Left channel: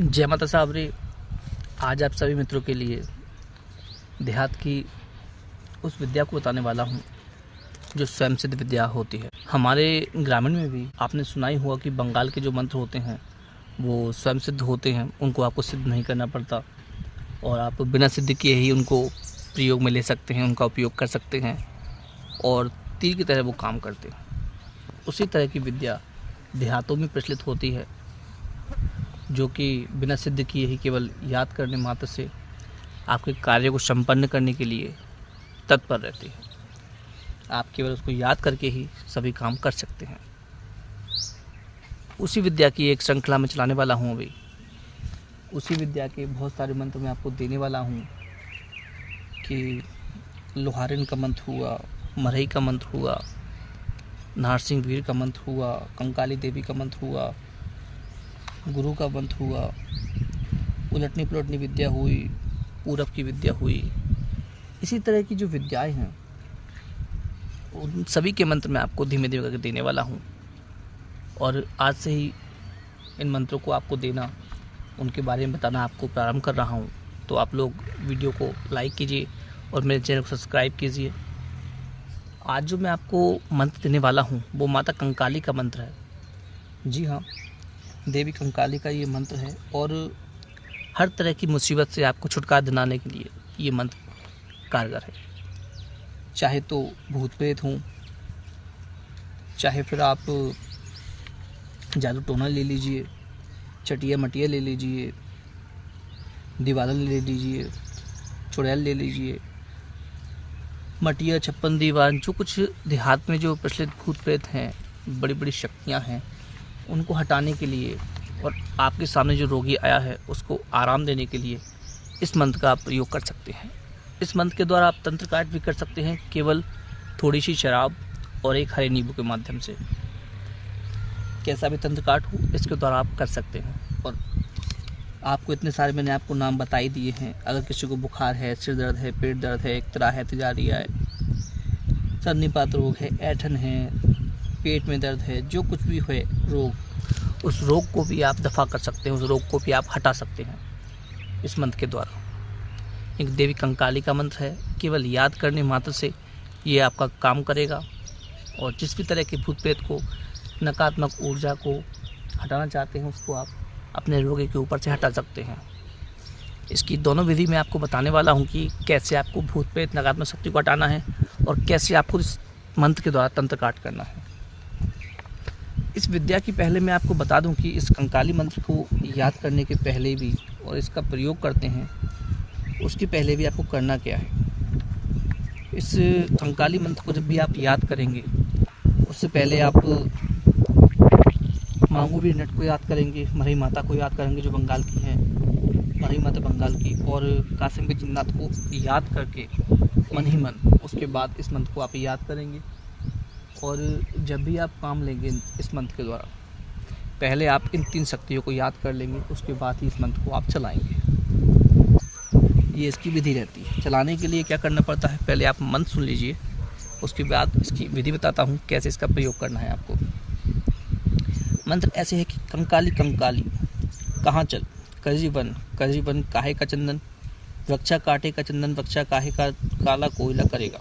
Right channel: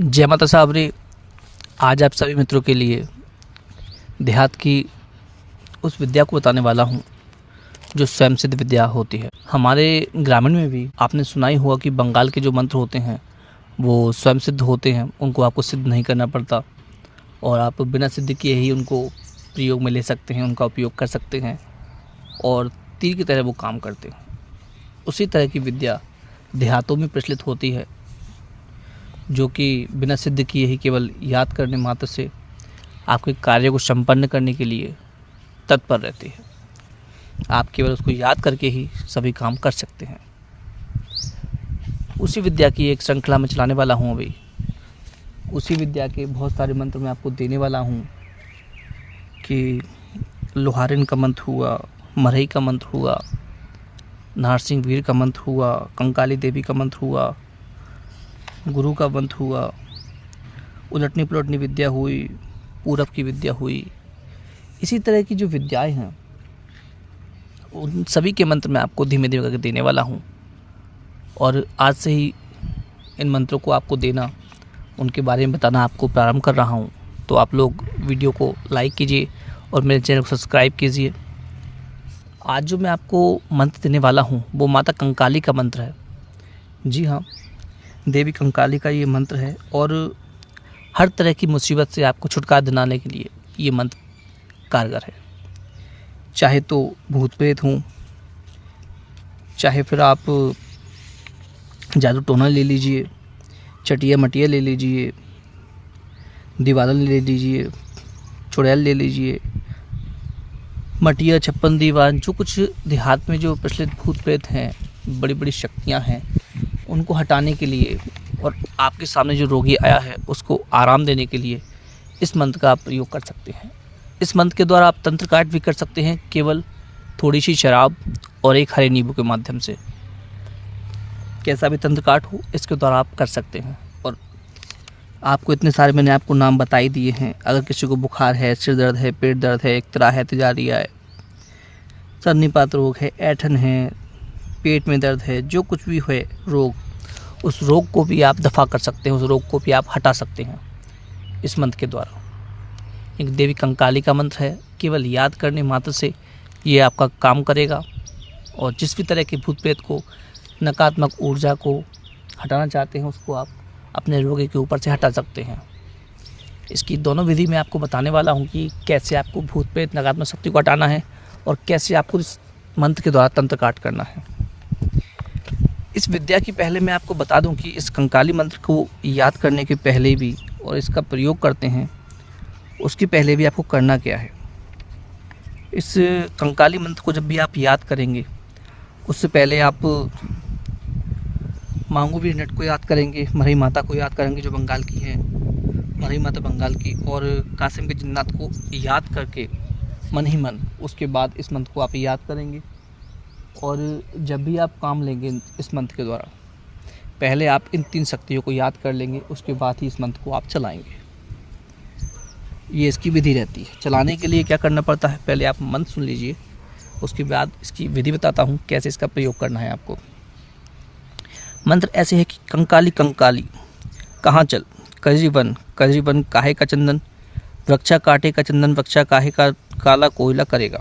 जय माता साबरी। आज आप सभी मित्रों के लिए देहात की उस विद्या को बताने वाला हूँ जो स्वयं सिद्ध विद्या होती है। हमारे ग्रामीण में भी आपने सुना ही हुआ कि बंगाल के जो मंत्र होते हैं वो स्वयं सिद्ध होते हैं, उनको आपको सिद्ध नहीं करना पड़ता और आप बिना सिद्ध किए ही उनको प्रयोग में ले सकते हैं, उनका उपयोग कर सकते हैं और तीर की तरह वो काम करते हैं। उसी तरह की विद्या देहातों में प्रचलित होती है जो कि बिना सिद्ध किए ही केवल याद करने मात्र से आपके कार्य को संपन्न करने के लिए तत्पर रहती है। आप केवल उसको याद करके ही सभी काम कर सकते हैं। उसी विद्या की एक श्रृंखला में चलाने वाला हूँ। अभी उसी विद्या के बहुत सारे मंत्र मैं आपको देने वाला हूँ कि लोहारिन का मंत्र हुआ, मरई का मंत्र हुआ, नारसिंह वीर का मंत्र हुआ, कंकाली देवी का मंत्र हुआ, गुरु का मंत्र हुआ, उलटनी पलटनी विद्या हुई, पूरब की विद्या हुई। इसी तरह की जो विद्याएं हैं उन सभी के मंत्र मैं आपको धीमे धीमे करके देने वाला हूं और आज से ही इन मंत्रों को आपको देना, उनके बारे में बताना आपको प्रारंभ कर रहा हूं। तो आप लोग वीडियो को लाइक कीजिए और मेरे चैनल को सब्सक्राइब कीजिए। आज जो मैं आपको मंत्र देने वाला हूं वो माता कंकाली का मंत्र है। जी हाँ, देवी कंकाली का ये मंत्र है और हर तरह की मुसीबत से आपको छुटकारा दिलाने के लिए ये मंत्र कारगर है। चाहे तो भूत प्रेत हों, चाहे फिर आप जादू टोना ले लीजिए, चटिया मटिया ले लीजिए, दीवालन ले लीजिए, चुड़ैल ले लीजिए, मटिया छप्पन दीवान, जो कुछ देहात में जो प्रचलित भूत प्रेत हैं, बड़ी बड़ी शक्तियाँ हैं, उनको हटाने के लिए और आपके सामने जो रोगी आया है उसको आराम देने के लिए इस मंत्र का आप प्रयोग कर सकते हैं। इस मंत्र के द्वारा आप तंत्र काट भी कर सकते हैं, केवल थोड़ी सी शराब और एक हरे नींबू के माध्यम से। कैसा भी तंत्र काट हो इसके द्वारा आप कर सकते हैं। और आपको इतने सारे मैंने आपको नाम बता ही दिए हैं। अगर किसी को बुखार है, सिर दर्द है, पेट दर्द है, इक्तरा है, तिजारिया है, सर्नीपात रोग है, ऐठन है, पेट में दर्द है, जो कुछ भी है रोग, उस रोग को भी आप दफ़ा कर सकते हैं, उस रोग को भी आप हटा सकते हैं इस मंत्र के द्वारा। एक देवी कंकाली का मंत्र है, केवल याद करने मात्र से ये आपका काम करेगा और जिस भी तरह के भूत प्रेत को, नकारात्मक ऊर्जा को हटाना चाहते हैं उसको आप अपने रोगी के ऊपर से हटा सकते हैं। इसकी दोनों विधि मैं आपको बताने वाला हूँ कि कैसे आपको भूत प्रेत नकारात्मक शक्ति को हटाना है और कैसे आपको इस मंत्र के द्वारा तंत्र काट करना है। इस विद्या की पहले मैं आपको बता दूं कि इस कंकाली मंत्र को याद करने के पहले भी और इसका प्रयोग करते हैं उसके पहले भी आपको करना क्या है। इस कंकाली मंत्र को जब भी आप याद करेंगे उससे पहले आप मांगू वीर नट को याद करेंगे, मरई माता को याद करेंगे जो बंगाल की है, मरई माता बंगाल की, और कासिम के जिन्नात को याद करके मन ही मन उसके बाद इस मंत्र को आप याद करेंगे। और जब भी आप काम लेंगे इस मंत्र के द्वारा पहले आप इन 3 शक्तियों को याद कर लेंगे, उसके बाद ही इस मंत्र को आप चलाएंगे। ये इसकी विधि रहती है। चलाने के लिए क्या करना पड़ता है, पहले आप मंत्र सुन लीजिए, उसके बाद इसकी विधि बताता हूँ कैसे इसका प्रयोग करना है आपको। मंत्र ऐसे है कि कंकाली कंकाली कहाँ चल, कजरीवन कजरीवन काहे का चंदन, वृक्षा काटे का चंदन, वृक्षा काहे का काला कोयला करेगा,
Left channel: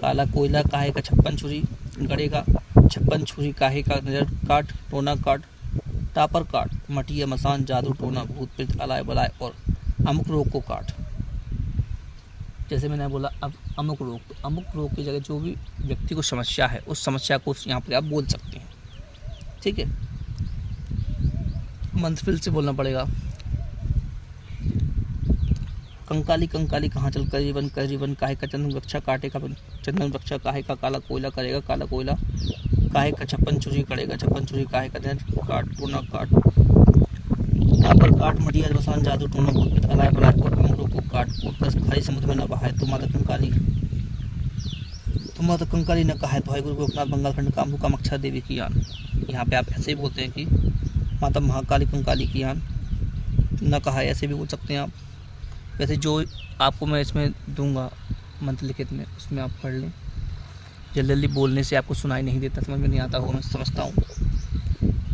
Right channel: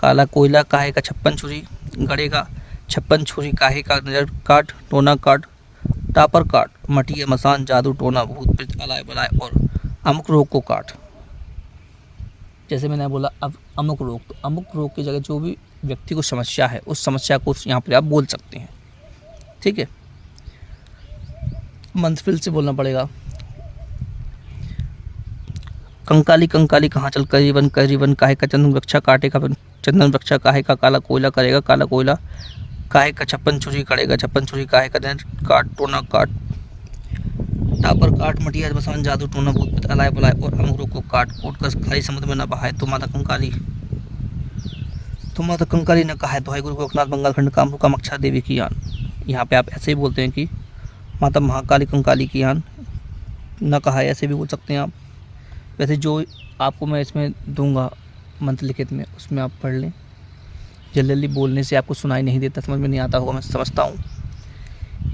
काला कोयला काहे का 56 छुरी गड़ेगा, 56 छुरी काहे का नजर काट, टोना काट, टापर काट, मटिया मसान जादू टोना भूत प्रेत अलाय बलाय और अमुक रोग को काट। जैसे मैंने बोला अब अमुक रोग, तो अमुक रोग की जगह जो भी व्यक्ति को समस्या है उस समस्या को यहाँ पर आप बोल सकते हैं। ठीक है, मंत्र फिर से बोलना पड़ेगा। कंकाली कंकाली कहाँ चल, कजरीवन कजरीवन काहे का चंदन, वृक्षा काटे का चंदन, वृक्षा काहे का काला कोयला करेगा, काला कोयला काहे का 56 छुरी करेगा, 56 छुरी काहे का काट, टोना काट, टापर काट, मटिया मसान जादू टोना भूत प्रेत अलाय बलाय और अमुक को काट, कूट कर खाई समुद्र में न बहाए। तो माता कंकाली ने कहा है तो गुरु गोरखनाथ बंगाल खंड कामरू कामाक्षा देवी की यान। यहाँ पे आप ऐसे ही बोलते हैं कि माता महाकाली कंकाली की यान, न कहा है ऐसे भी बोल सकते हैं आप। वैसे जो आपको मैं इसमें दूंगा मंत्र लिखित में उसमें आप पढ़ लें। जल्दी जल्दी बोलने से आपको सुनाई नहीं देता, समझ में नहीं आता होगा, मैं समझता हूँ।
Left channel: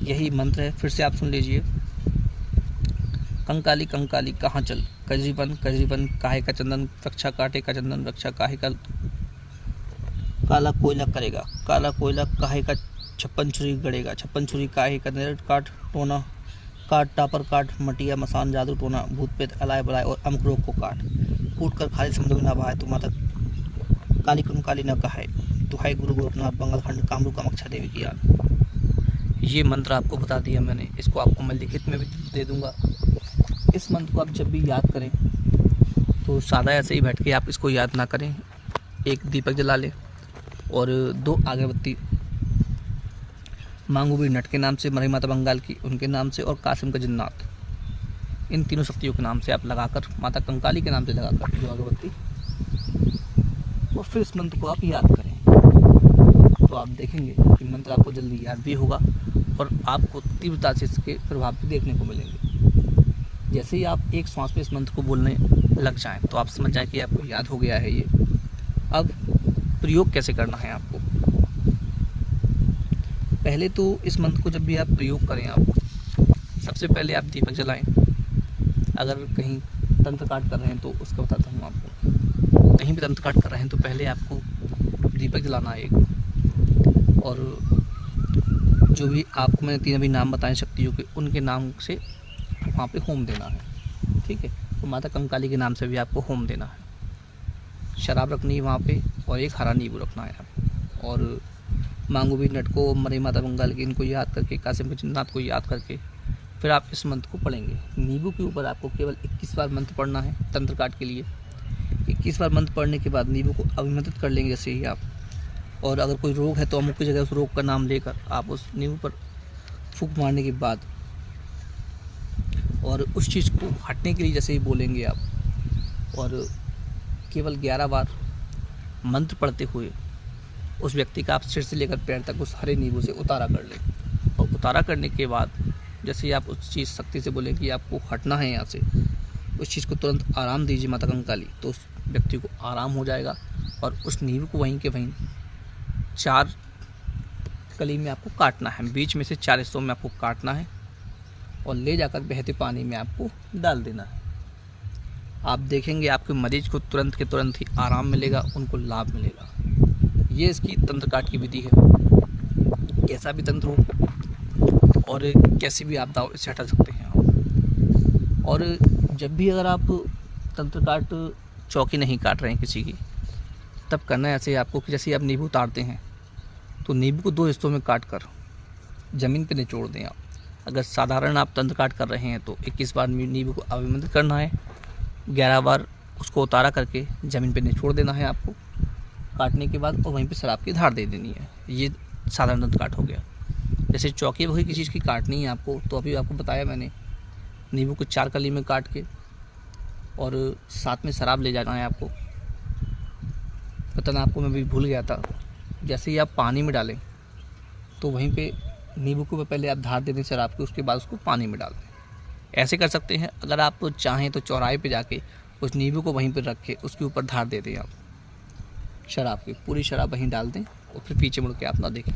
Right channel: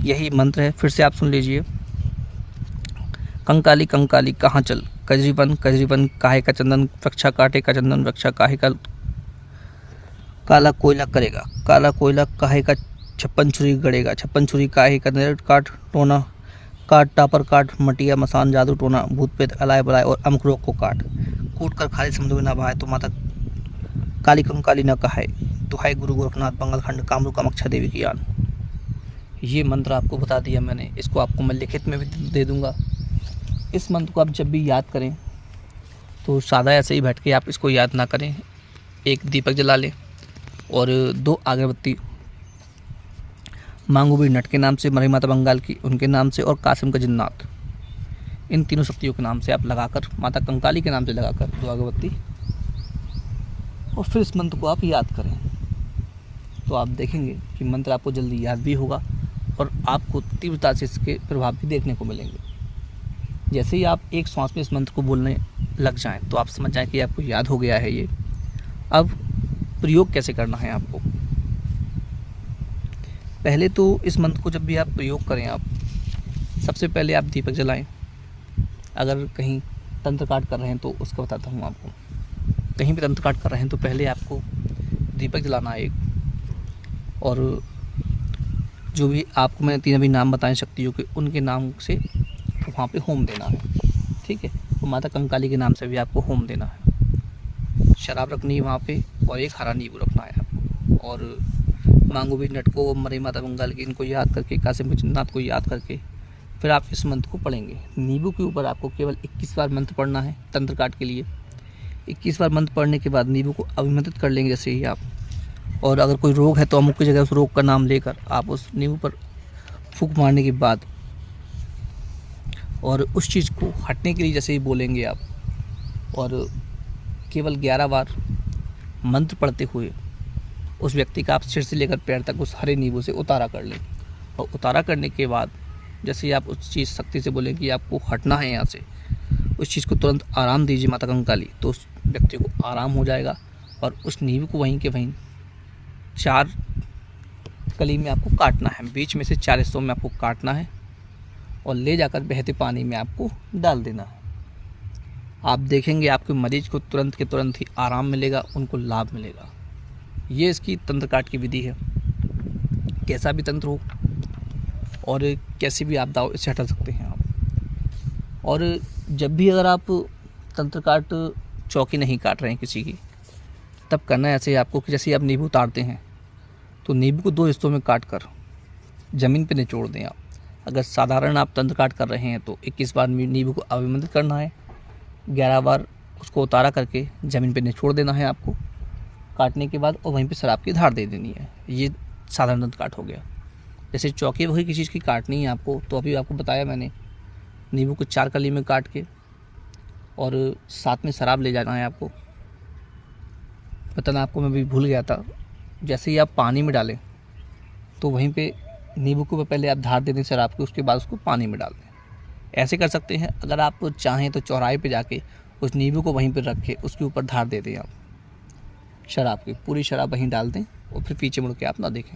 यही मंत्र है, फिर से आप सुन लीजिए। कंकाली कंकाली कहाँ चल, कजरीवन कजरीवन काहे का चंदन वृक्षा काटे का चंदन वृक्षा काहे का, काला कोयला करेगा काला कोयला काहे का छप्पन छुरी गड़ेगा, छप्पन छुरी काहे का नरक काट टोना, काट टापर काट मटिया मसान जादू टोना, भूत प्रेत अलाय बलाय और अमुक रोग को काट, कूट कर खाली समुद्र में न बहाए तो माता काली कंकाली न कहाए, दुहाई गुरु गोरखनाथ बंगालखंड कामरू कामाख्या देवी की यान। ये मंत्र आपको बता दिया मैंने, इसको आपको मैं लिखित में भी दे दूंगा। इस मंत्र को आप जब भी याद करें तो सादा ऐसे ही बैठ के आप इसको याद ना करें, एक दीपक जला लें और 2 अगरबत्ती मांगूबीर नट के नाम से, मरही माता बंगाल की उनके नाम से और कासिम का जिन्नात, इन तीनों शक्तियों के नाम से आप लगाकर, माता कंकाली के नाम से लगाकर 2 अगरबत्ती, और फिर इस मंत्र को आप याद करें तो आप देखेंगे कि मंत्र आपको जल्दी याद भी होगा और आपको तीव्रता से इसके प्रभाव भी देखने को मिलेंगे। जैसे ही आप एक श्वास में इस मंत्र को बोलने लग जाएं तो आप समझ जाएं कि आपको याद हो गया है ये। अब प्रयोग कैसे करना है आपको, पहले तो इस मंत्र को जब भी आप प्रयोग करें, आप सबसे पहले आप दीपक जलाएं। अगर कहीं तंत्र पाठ कर रहे हैं तो उसका बताता हूँ आपको। कहीं भी तंत्र पाठ कर रहे हैं तो पहले आपको दीपक जलाना है एक, और जो भी आपको मैंने 3 अभी नाम बताए शक्तियों के, उनके नाम से वहाँ पे होम देना है, ठीक है। तो माता कंकाली के नाम से भी आपको होम देना है। शराब रखनी है वहाँ पे और एक हरा नींबू रखना है आपको, और मांगूबीर नट को, मरही माता बंगाल की इनको याद करके, कासिम जिन्नात को याद करके फिर आप इस मंत्र को पढ़ेंगे। नींबू के ऊपर आपको केवल 21 बार मंत्र पढ़ना है तंत्र काट के लिए। 21 बार मंत्र पढ़ने के बाद नींबू को अभिमंत्रित कर लेंगे जैसे ही आप, और अगर कोई रोग है तो अमुक की जगह उस रोग का नाम लेकर आप उस नींबू पर फूंक मारने के बाद, और उस चीज़ को हटने के लिए जैसे ही बोलेंगे आप, और केवल 11 बार मंत्र पढ़ते हुए उस व्यक्ति का आप सिर से लेकर पैर तक उस हरे नींबू से उतारा कर लें। और उतारा करने के बाद जैसे ही आप उस चीज़ शक्ति से बोलें कि आपको हटना है यहाँ से, उस चीज़ को तुरंत आराम दीजिए माता कंकाली, तो उस व्यक्ति को आराम हो जाएगा। और उस नींबू को वहीं के वहीं 4 कली में आपको काटना है, बीच में से 4 हिस्सों में आपको काटना है और ले जाकर बहते पानी में आपको डाल देना है। आप देखेंगे आपके मरीज को तुरंत के तुरंत ही आराम मिलेगा, उनको लाभ मिलेगा। ये इसकी तंत्र काट की विधि है। कैसा भी तंत्र हो और कैसी भी आपदा हो, इससे हटा सकते हैं आप। और जब भी अगर आप तंत्र काट चौकी नहीं काट रहे हैं किसी की, तब करना ऐसे ही आपको कि जैसे आप नींबू उतारते हैं तो नींबू को 2 हिस्सों में काट कर ज़मीन पर निचोड़ दें आप। अगर साधारण आप तंत्र काट कर रहे हैं तो 21 बार नींबू को अभिमंत्रित करना है, 11 बार उसको उतारा करके ज़मीन पे निचोड़ देना है आपको काटने के बाद, और वहीं पे शराब की धार दे देनी है। ये साधारण तंत्र काट हो गया। जैसे चौकी वही किसी चीज़ की काटनी है आपको, तो अभी आपको बताया मैंने, नींबू को 4 कली में काट के और साथ में शराब ले जाना है आपको। बताना आपको मैं भी भूल गया था। जैसे ही आप पानी में डालें तो वहीं पे नींबू को पहले आप धार दे दें शराब की, उसके बाद उसको पानी में डाल दें। ऐसे कर सकते हैं। अगर आप चाहें तो चौराहे पे जाके उस नींबू को वहीं पर रख के उसके ऊपर धार दे दें आप शराब की, पूरी शराब वहीं डाल दें और फिर पीछे मुड़ के आप ना देखें।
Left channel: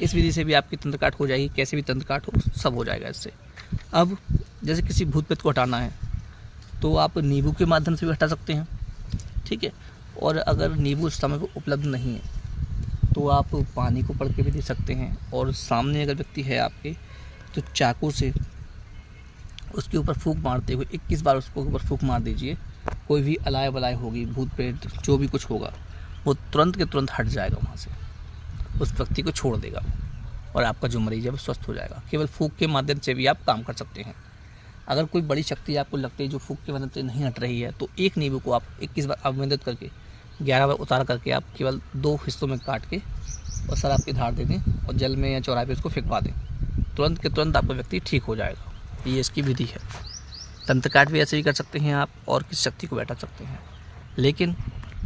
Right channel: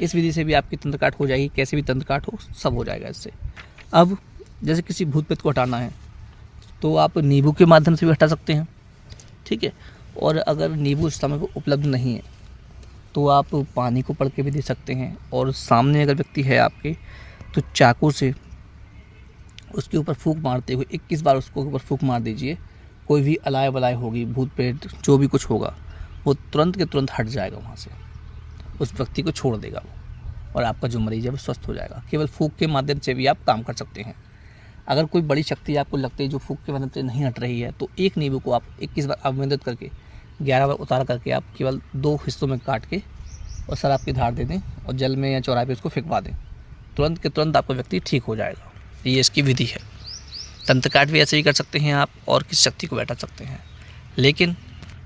इस विधि से भी आपकी तंत्र काट हो जाएगी। कैसे भी तंत्र काट हो, सब हो जाएगा इससे। अब जैसे किसी भूत प्रेत को हटाना है तो आप नींबू के माध्यम से भी हटा सकते हैं, ठीक है। और अगर नींबू उस समय पर उपलब्ध नहीं है तो आप पानी को पढ़ के भी दे सकते हैं, और सामने अगर व्यक्ति है आपके तो चाकू से उसके ऊपर फूंक मारते हुए 21 बार उसको ऊपर फूंक मार दीजिए। कोई भी अलाय बलाय होगी, भूत प्रेत जो भी कुछ होगा, वो तुरंत के तुरंत हट जाएगा वहाँ से, उस व्यक्ति को छोड़ देगा वो, और आपका जो मरीज है वो स्वस्थ हो जाएगा। केवल फूंक के माध्यम से भी आप काम कर सकते हैं। अगर कोई बड़ी शक्ति आपको लगती है जो फूंक के माध्यम से नहीं हट रही है, तो एक नींबू को आप 21 बार अभिमंत्रित करके 11 बार उतार करके आप केवल 2 हिस्सों में काट के और शराब की धार दे दें और जल में या चौराहे पे उसको फेंकवा दें, तुरंत के तुरंत आपका व्यक्ति ठीक हो जाएगा। ये इसकी विधि है। तंत्र काट भी ऐसे ही कर सकते हैं आप, और किस शक्ति को बैठा सकते हैं, लेकिन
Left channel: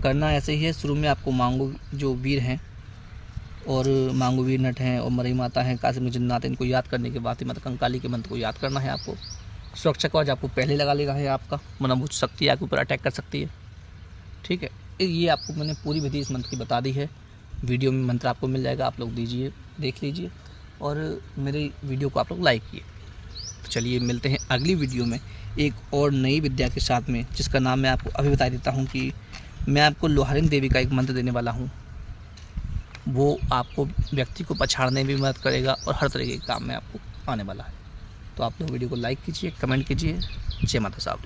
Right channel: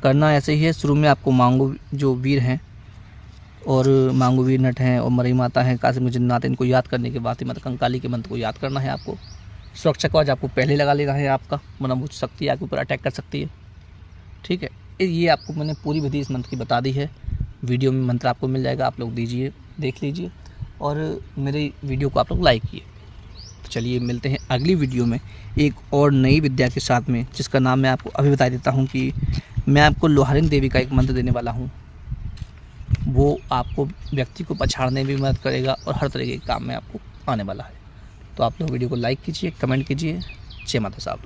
करना ऐसे ही है। शुरू में आपको मांगू जो वीर हैं और मांगूबीर नट हैं और मरही माता हैं, कासिम जिन्नात, इनको याद करने के बाद ही माता कंकाली के मंत्र को याद करना है आपको। सुरक्षा कवच आपको पहले लगा लेना है आपका, वरना वो शक्ति आपके ऊपर अटैक कर सकती है, ठीक है। ये आपको मैंने पूरी विधि इस मंत्र की बता दी है। वीडियो में मंत्र आपको मिल जाएगा, आप लोग दीजिए, देख लीजिए, और मेरे वीडियो को आप लोग लाइक किए। तो चलिए मिलते हैं अगली वीडियो में एक और नई विद्या के साथ में, जिसका नाम मैं आपको अभी बता देता हूँ कि मैं आपको लोहारिन देवी का एक मंत्र देने वाला हूँ। वो आपको व्यक्ति को पछाड़ने में भी मदद करेगा और हर तरह के काम में आपको आने वाला है। तो आप लोग वीडियो को लाइक कीजिए, कमेंट कीजिए। जय माता साहब।